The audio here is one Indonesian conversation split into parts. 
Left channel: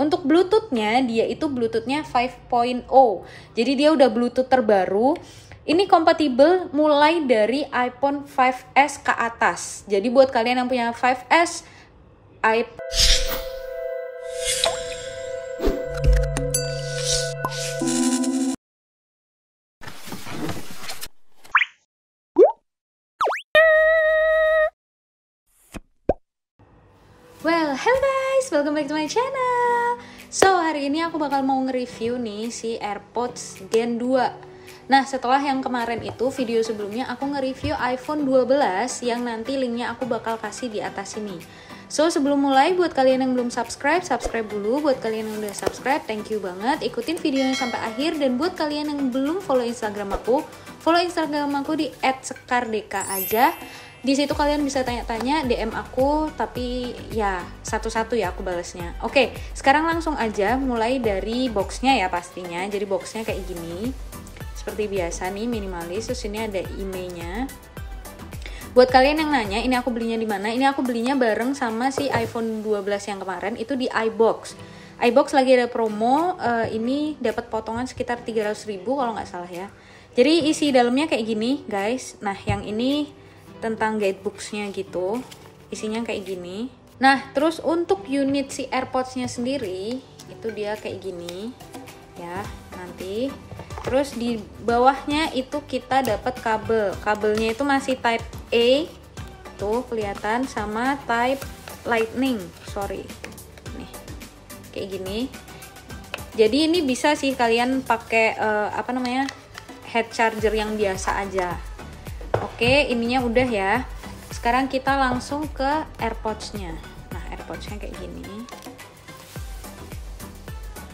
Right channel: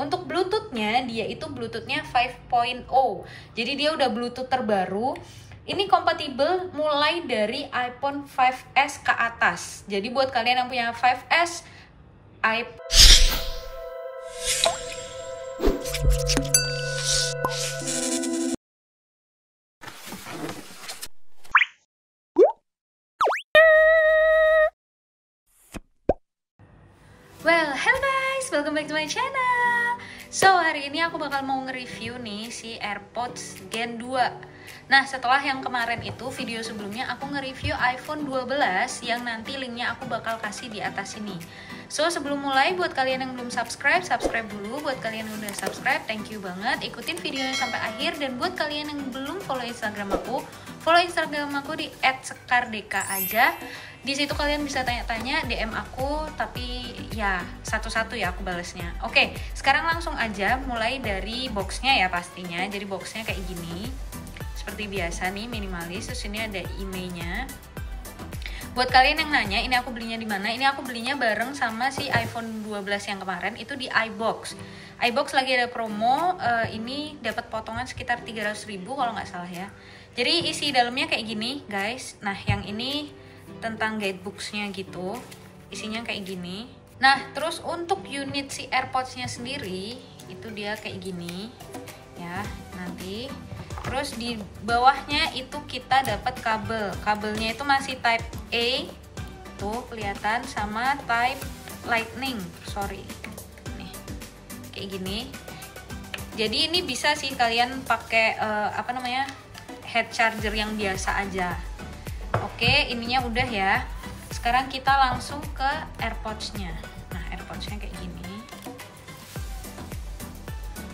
Untuk Bluetooth-nya, dia itu Bluetooth-nya 5.0. Jadi dia udah Bluetooth terbaru. Ini kompatibel mulai dari iPhone 5S ke atas. Jadi buat kalian yang punya 5S, Well, hello guys, welcome back to my channel. So, hari ini aku bakal mau nge-review nih si AirPods Gen 2. Nah, setelah yang kemarin itu, video sebelumnya aku nge-review iPhone 12 yang nanti linknya aku bakal kasih di atas sini. So, sebelum mulai, buat kalian yang belum subscribe, subscribe dulu. Buat kalian yang udah subscribe, thank you banget. Ikutin videonya sampai akhir. Dan buat kalian yang belum follow Instagram aku, follow Instagram aku di @sekardeka aja. Di situ kalian bisa tanya-tanya, DM aku, tapi ya satu-satu ya aku balasnya. Oke, sekarang langsung aja mulai dari boxnya ya pastinya. Jadi boxnya kayak gini, seperti biasa nih, minimalis. Terus ini ada emailnya. Buat kalian yang nanya, ini aku belinya di mana? Ini aku belinya bareng sama si iPhone 12 yang kemarin, itu di iBox. iBox lagi ada promo, ini dapat potongan sekitar 300.000 kalau nggak salah ya. Jadi isi dalamnya kayak gini, guys. Nah, yang ini tentang guidebooks-nya gitu, isinya kayak gini. Nah, terus untuk unit si AirPods-nya sendiri itu dia kayak gini ya, nanti terus di bawahnya itu kita dapat kabelnya itu masih type A tuh kelihatan, sama type lightning, nih kayak gini. Jadi ini bisa sih kalian pakai head charger yang biasa aja. Oke, ininya udah ya. Sekarang kita langsung ke AirPods-nya. Nah, AirPods-nya kayak gini.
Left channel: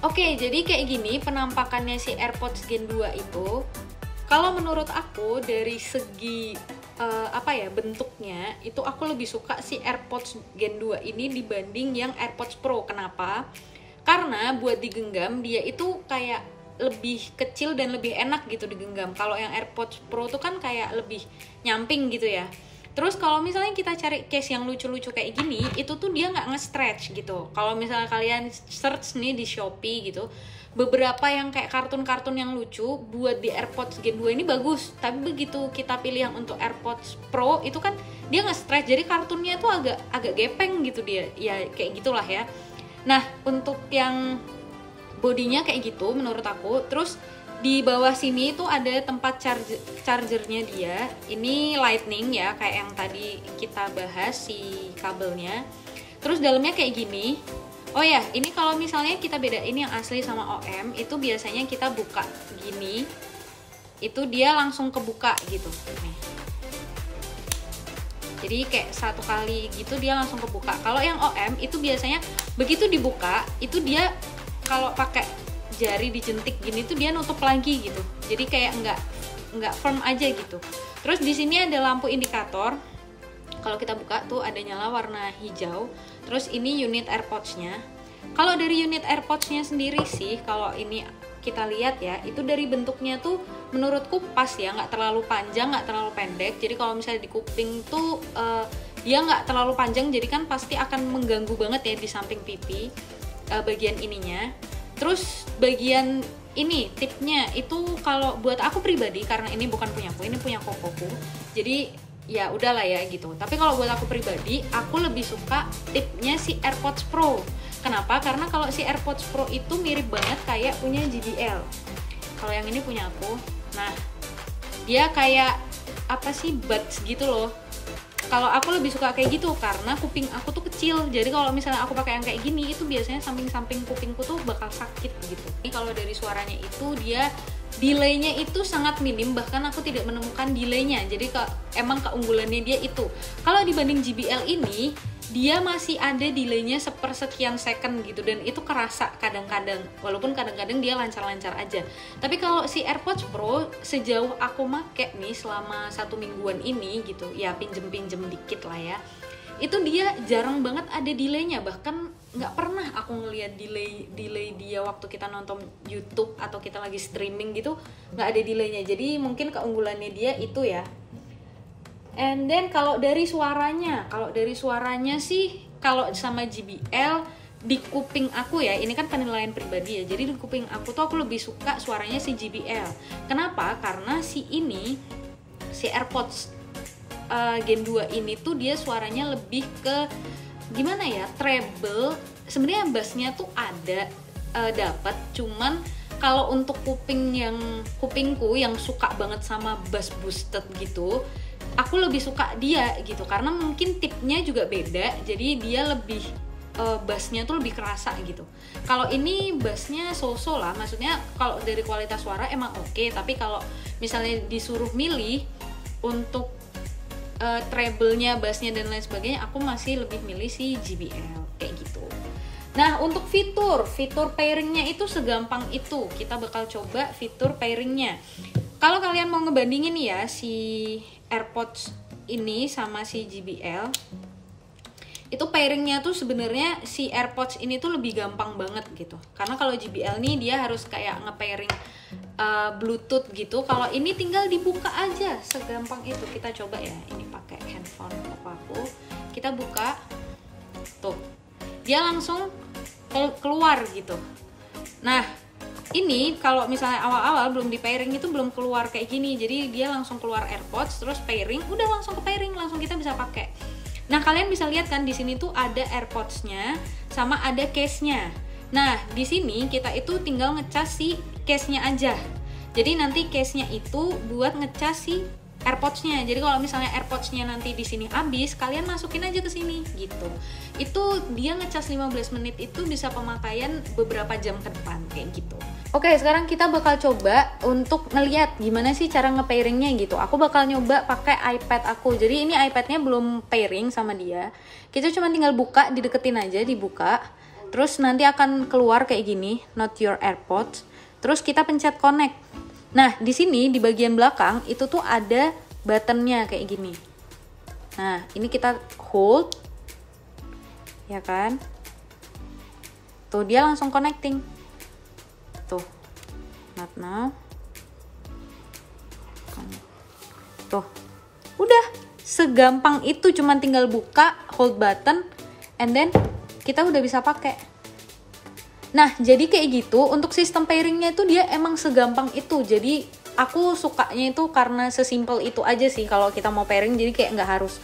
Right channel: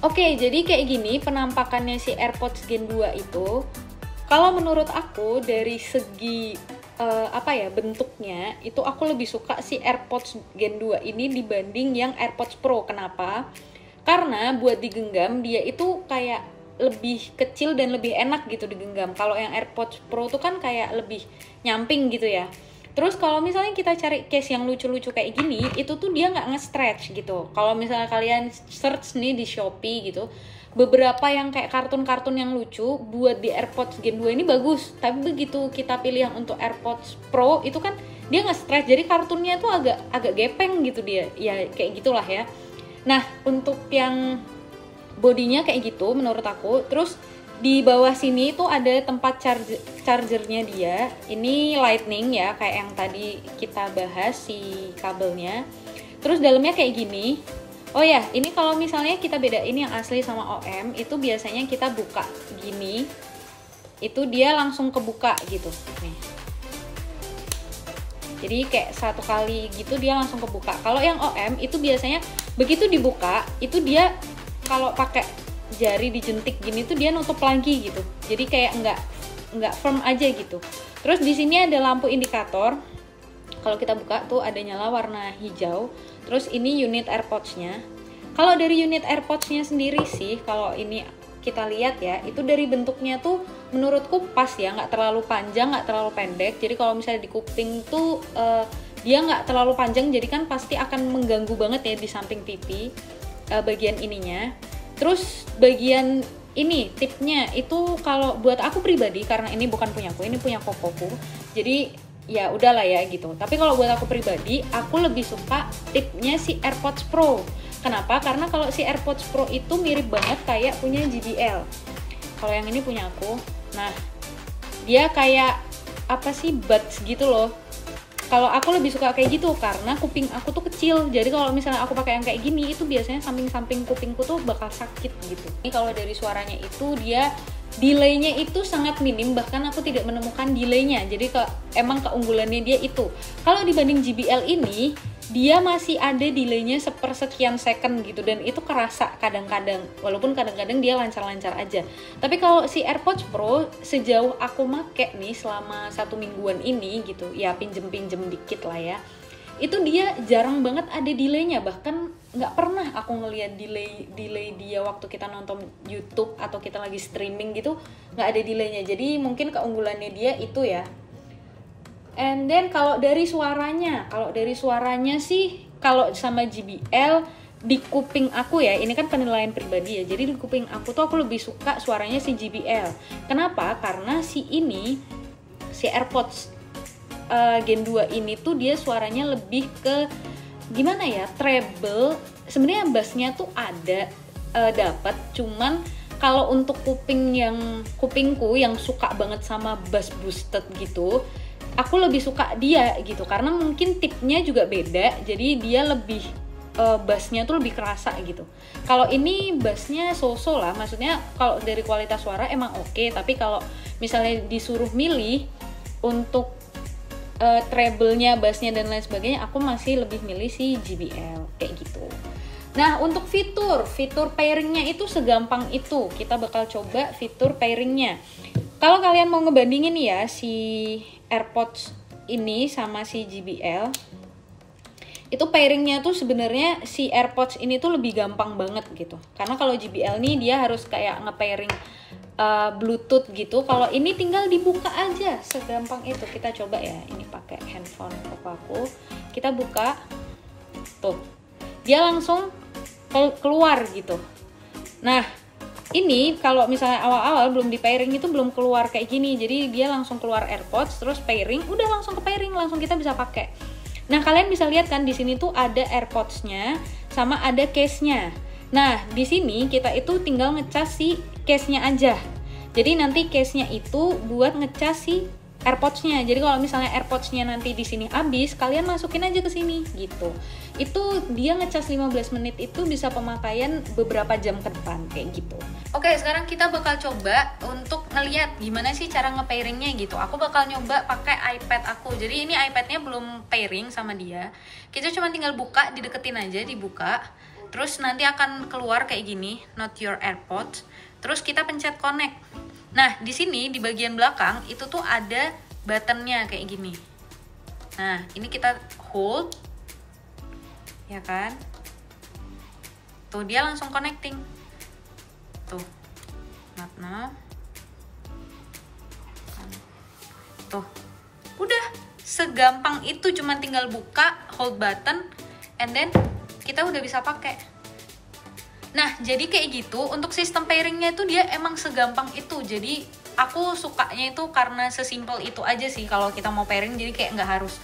Oke, jadi kayak gini penampakannya si AirPods Gen 2 itu. Kalau menurut aku dari segi bentuknya, itu aku lebih suka si AirPods Gen 2 ini dibanding yang AirPods Pro. Kenapa? Karena buat digenggam dia itu kayak lebih kecil dan lebih enak gitu digenggam. Kalau yang AirPods Pro tuh kan kayak lebih nyamping gitu ya. Terus kalau misalnya kita cari case yang lucu-lucu kayak gini, itu tuh dia nggak nge-stretch gitu. Kalau misalnya kalian search nih di Shopee gitu, beberapa yang kayak kartun-kartun yang lucu buat di AirPods Gen 2 ini bagus. Tapi begitu kita pilih yang untuk AirPods Pro, itu kan dia nge-stretch. Jadi kartunnya tuh agak gepeng gitu dia. Ya kayak gitulah ya. Nah, untuk yang bodinya kayak gitu menurut aku. Terus di bawah sini tuh ada tempat chargernya dia. Ini lightning ya, kayak yang tadi kita bahas si kabelnya. Terus dalamnya kayak gini. Oh ya, ini kalau misalnya kita bedain yang asli sama OM, itu biasanya kita buka gini, itu dia langsung kebuka gitu nih. Jadi kayak satu kali gitu dia langsung kebuka. Kalau yang OM itu biasanya begitu dibuka, itu dia kalau pakai jari dijentik gini tuh dia nutup lagi gitu. Jadi kayak nggak firm aja gitu. Terus di sini ada lampu indikator. Kalau kita buka tuh ada nyala warna hijau. Terus ini unit AirPods-nya. Kalau dari unit AirPods-nya sendiri sih, kalau ini kita lihat ya, itu dari bentuknya tuh menurutku pas ya, nggak terlalu panjang, nggak terlalu pendek. Jadi kalau misalnya di kuping tuh dia nggak terlalu panjang, jadi kan pasti akan mengganggu banget ya di samping pipi. Bagian ininya. Terus bagian ini tipnya itu kalau buat aku pribadi, karena ini bukan punyaku, ini punya kokoku, jadi ya udahlah ya gitu. Tapi kalau buat aku pribadi, aku lebih suka tipnya si AirPods Pro. Kenapa? Karena kalau si AirPods Pro itu mirip banget kayak punya JBL. Kalau yang ini punya aku, nah dia kayak buds gitu loh. Kalau aku lebih suka kayak gitu karena kuping aku tuh kecil. Jadi kalau misalnya aku pakai yang kayak gini, itu biasanya samping-samping kupingku tuh bakal sakit gitu. Ini kalau dari suaranya itu dia delay-nya itu sangat minim, bahkan aku tidak menemukan delay-nya. Jadi emang keunggulannya dia itu. Kalau dibanding JBL ini, dia masih ada delay-nya sepersekian second gitu, dan itu kerasa kadang-kadang, walaupun kadang-kadang dia lancar-lancar aja. Tapi kalau si AirPods Pro, sejauh aku make nih selama 1 mingguan ini gitu, ya pinjem-pinjem dikit lah ya, itu dia jarang banget ada delay-nya. Bahkan nggak pernah aku ngeliat delay dia waktu kita nonton YouTube atau kita lagi streaming gitu, nggak ada delay-nya. Jadi mungkin keunggulannya dia itu ya. And then kalau dari suaranya sih, kalau sama JBL di kuping aku ya, ini kan penilaian pribadi ya, jadi di kuping aku tuh aku lebih suka suaranya si JBL. Kenapa? Karena si AirPods Gen 2 ini tuh dia suaranya lebih ke gimana ya, treble. Sebenarnya bassnya tuh ada dapat, cuman kalau untuk kupingku yang suka banget sama bass boosted gitu, aku lebih suka dia gitu, karena mungkin tipnya juga beda, jadi dia lebih bassnya tuh lebih kerasa gitu. Kalau ini bassnya so-so lah, maksudnya kalau dari kualitas suara emang oke, tapi kalau misalnya disuruh milih untuk treble-nya, bassnya dan lain sebagainya, aku masih lebih milih si JBL kayak gitu. Nah, untuk fitur pairingnya itu segampang itu. Kita bakal coba fitur pairingnya. Kalau kalian mau ngebandingin ya si AirPods ini sama si JBL, itu pairingnya tuh sebenarnya si AirPods ini tuh lebih gampang banget gitu. Karena kalau JBL nih dia harus kayak nge-pairing Bluetooth gitu. Kalau ini tinggal dibuka aja, segampang itu. Kita coba ya, ini pakai handphone aku. Kita buka, tuh dia langsung keluar gitu. Nah, ini kalau misalnya awal-awal belum di pairing itu belum keluar kayak gini. Jadi dia langsung keluar AirPods, terus pairing, udah langsung ke pairing, langsung kita bisa pakai. Nah, kalian bisa lihat kan di sini tuh ada AirPods-nya sama ada case-nya. Nah, di sini kita itu tinggal ngecas si case-nya aja. Jadi nanti case-nya itu buat ngecas si AirPods-nya. Jadi kalau misalnya AirPods-nya nanti di sini habis, kalian masukin aja ke sini gitu. Itu dia ngecas 15 menit itu bisa pemakaian beberapa jam ke depan kayak gitu. Oke, sekarang kita bakal coba untuk ngeliat gimana sih cara nge-pairingnya gitu. Aku bakal nyoba pakai iPad aku. Jadi ini iPad-nya belum pairing sama dia. Kita cuma tinggal buka, dideketin aja, dibuka. Terus nanti akan keluar kayak gini, not your AirPods. Terus kita pencet connect. Nah, di sini di bagian belakang itu tuh ada buttonnya kayak gini. Nah, ini kita hold, ya kan? Tuh dia langsung connecting. Tuh, not now. Tuh, udah segampang itu, cuman tinggal buka, hold button, and then kita udah bisa pakai. Nah, jadi kayak gitu. Untuk sistem pairingnya itu dia emang segampang itu. Jadi aku sukanya itu karena sesimpel itu aja sih kalau kita mau pairing. Jadi kayak nggak harus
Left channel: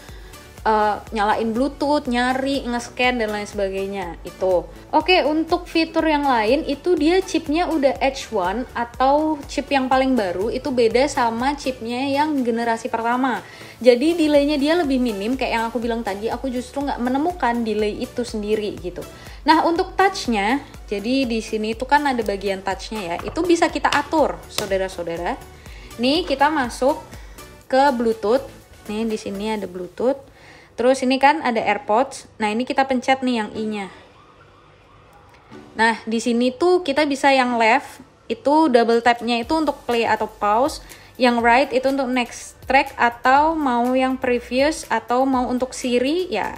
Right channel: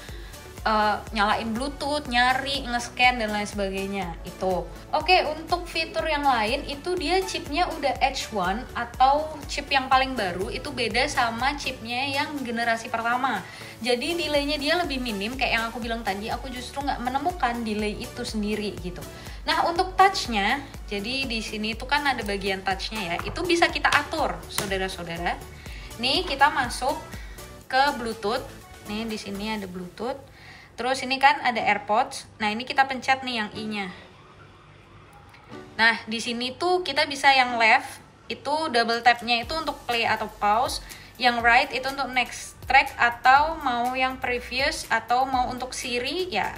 nyalain Bluetooth, nyari, nge-scan dan lain sebagainya itu. Oke, untuk fitur yang lain itu dia chipnya udah H1 atau chip yang paling baru, itu beda sama chipnya yang generasi pertama. Jadi delaynya dia lebih minim, kayak yang aku bilang tadi, aku justru nggak menemukan delay itu sendiri gitu. Nah, untuk touchnya, jadi di sini itu kan ada bagian touchnya ya, itu bisa kita atur, saudara-saudara. Nih kita masuk ke Bluetooth, nih di sini ada Bluetooth. Terus ini kan ada AirPods. Nah, ini kita pencet nih yang I-nya. Nah, di sini tuh kita bisa yang left itu double tap-nya itu untuk play atau pause, yang right itu untuk next track atau mau yang previous atau mau untuk Siri ya.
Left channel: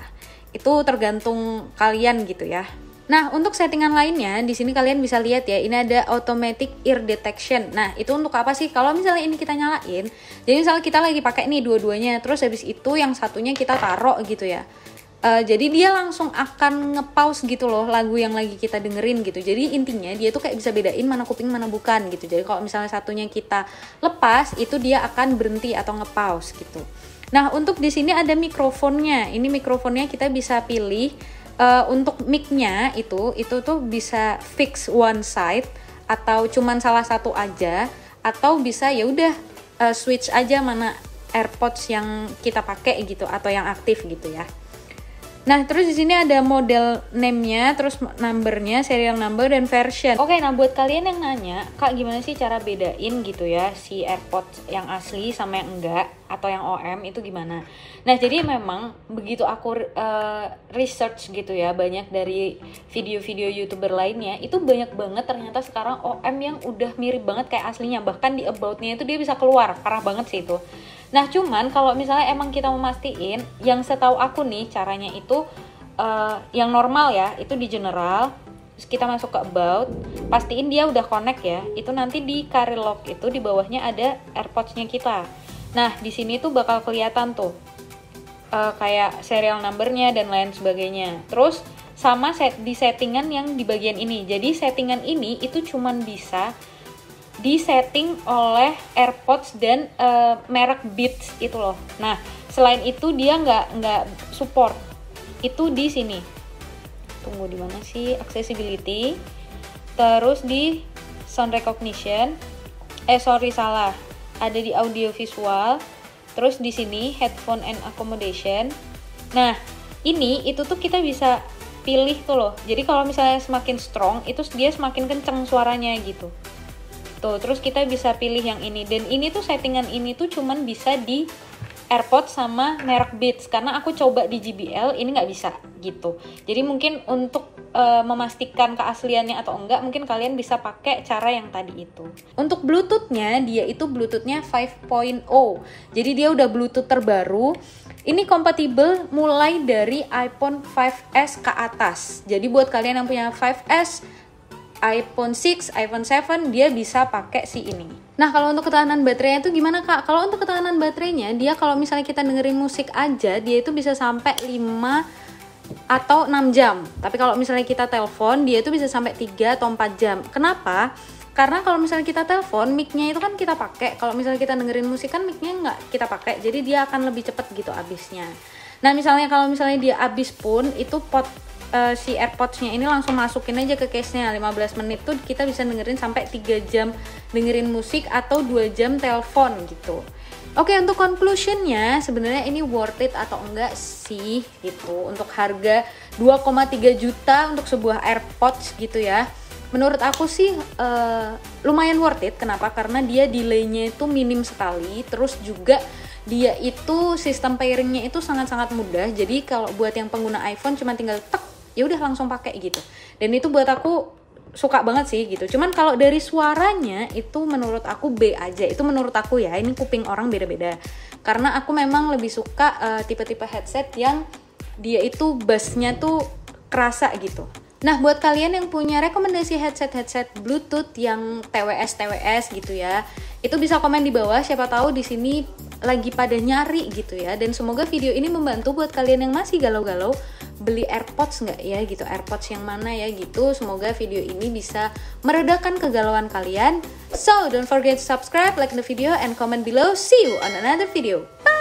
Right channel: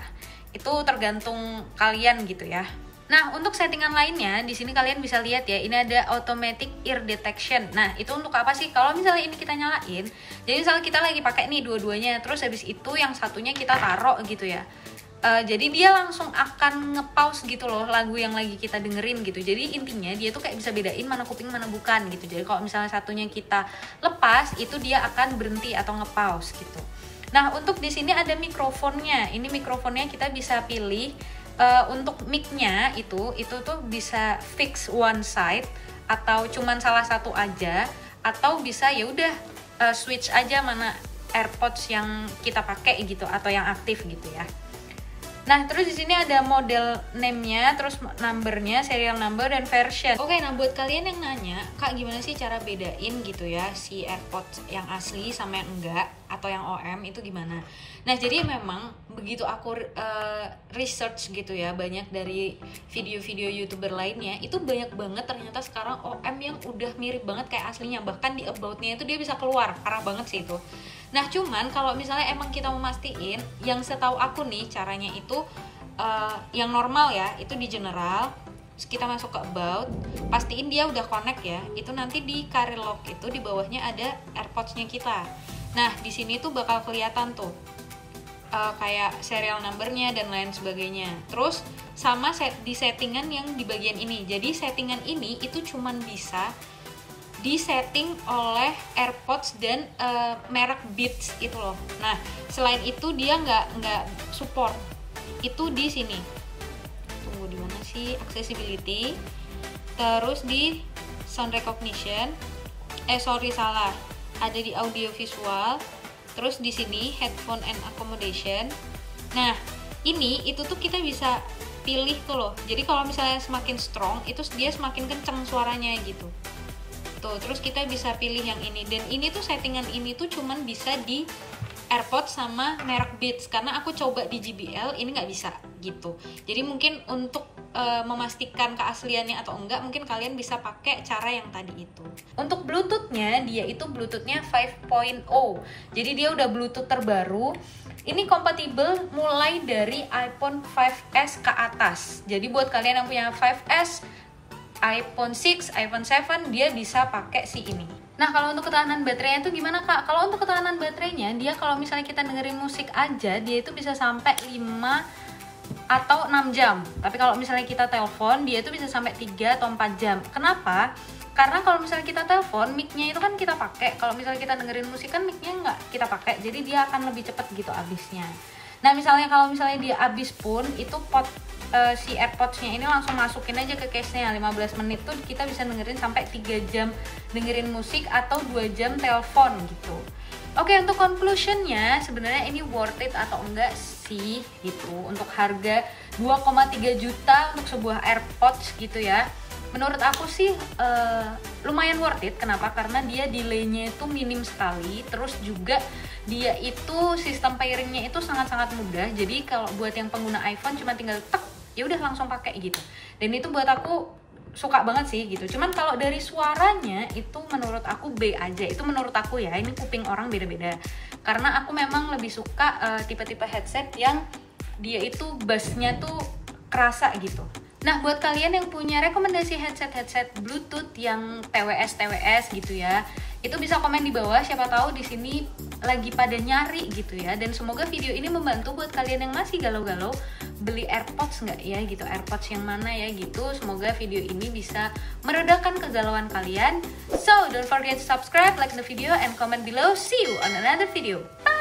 Itu tergantung kalian gitu ya. Nah, untuk settingan lainnya di sini kalian bisa lihat ya, ini ada automatic ear detection. Nah, itu untuk apa sih? Kalau misalnya ini kita nyalain, jadi misalnya kita lagi pakai nih dua-duanya, terus habis itu yang satunya kita taruh gitu ya. Jadi dia langsung akan nge-pause gitu loh lagu yang lagi kita dengerin gitu. Jadi intinya dia tuh kayak bisa bedain mana kuping mana bukan gitu. Jadi kalau misalnya satunya kita lepas, itu dia akan berhenti atau nge-pause gitu. Nah, untuk di sini ada mikrofonnya. Ini mikrofonnya kita bisa pilih. Untuk mic-nya itu tuh bisa fix one side atau cuman salah satu aja, atau bisa ya udah switch aja mana AirPods yang kita pakai gitu atau yang aktif gitu ya. Nah, terus di sini ada model name-nya, terus number-nya, serial number dan version. Oke, nah buat kalian yang nanya, Kak gimana sih cara bedain gitu ya si AirPods yang asli sama yang enggak atau yang OM itu gimana? Nah, jadi memang begitu aku research gitu ya, banyak dari video-video YouTuber lainnya, itu banyak banget ternyata sekarang OM yang udah mirip banget kayak aslinya. Bahkan di about-nya itu dia bisa keluar, parah banget sih itu. Nah, cuman kalau misalnya emang kita mau mastiin, yang setahu aku nih caranya itu yang normal ya, itu di general, terus kita masuk ke about, pastiin dia udah connect ya. Itu nanti di carry lock itu di bawahnya ada AirPods-nya kita. Nah, di sini tuh bakal kelihatan tuh kayak serial numbernya dan lain sebagainya. Terus sama di settingan yang di bagian ini. Jadi settingan ini itu cuman bisa disetting oleh AirPods dan merek Beats itu loh. Nah, selain itu dia nggak support. Itu di sini. Tunggu, di mana sih? Accessibility. Terus di sound recognition. Salah. Ada di audio visual. Terus di sini headphone and accommodation. Nah, itu tuh kita bisa pilih tuh loh. Jadi kalau misalnya semakin strong, itu dia semakin kenceng suaranya gitu. Tuh, terus kita bisa pilih yang ini. Dan ini tuh settingan ini tuh cuman bisa di AirPods sama merek Beats. Karena aku coba di JBL, ini nggak bisa gitu. Jadi mungkin untuk memastikan keasliannya atau enggak, mungkin kalian bisa pakai cara yang tadi itu. Untuk Bluetooth-nya, dia itu Bluetooth-nya 5.0. Jadi dia udah Bluetooth terbaru. Ini kompatibel mulai dari iPhone 5S ke atas. Jadi buat kalian yang punya 5S, iPhone 6, iPhone 7, dia bisa pakai si ini. Nah, kalau untuk ketahanan baterainya itu gimana, Kak? Kalau untuk ketahanan baterainya, dia kalau misalnya kita dengerin musik aja, dia itu bisa sampai 5 atau 6 jam. Tapi kalau misalnya kita telepon, dia itu bisa sampai 3 atau 4 jam. Kenapa? Karena kalau misalnya kita telepon, mic-nya itu kan kita pakai. Kalau misalnya kita dengerin musik kan mic-nya nggak kita pakai. Jadi dia akan lebih cepat gitu habisnya. Nah, misalnya kalau misalnya dia habis pun, itu si AirPods-nya ini langsung masukin aja ke case-nya. 15 menit tuh kita bisa dengerin sampai 3 jam dengerin musik atau 2 jam telepon gitu. Oke, untuk conclusion-nya, sebenarnya ini worth it atau enggak sih gitu. Untuk harga 2,3 juta untuk sebuah AirPods gitu ya. Menurut aku sih lumayan worth it. Kenapa? Karena dia delay-nya itu minim sekali. Terus juga dia itu sistem pairing-nya itu sangat-sangat mudah. Jadi kalau buat yang pengguna iPhone cuma tinggal tek, ya udah langsung pakai gitu. Dan itu buat aku suka banget sih gitu. Cuman kalau dari suaranya itu menurut aku B aja. Itu menurut aku ya, ini kuping orang beda-beda. Karena aku memang lebih suka tipe-tipe headset yang dia itu bass-nya tuh kerasa gitu. Nah, buat kalian yang punya rekomendasi headset Bluetooth yang TWS gitu ya, itu bisa komen di bawah. Siapa tahu di sini lagi pada nyari gitu ya. Dan semoga video ini membantu buat kalian yang masih galau-galau beli AirPods nggak ya gitu, AirPods yang mana ya gitu. Semoga video ini bisa meredakan kegalauan kalian. So don't forget to subscribe, like the video, and comment below. See you on another video. Bye.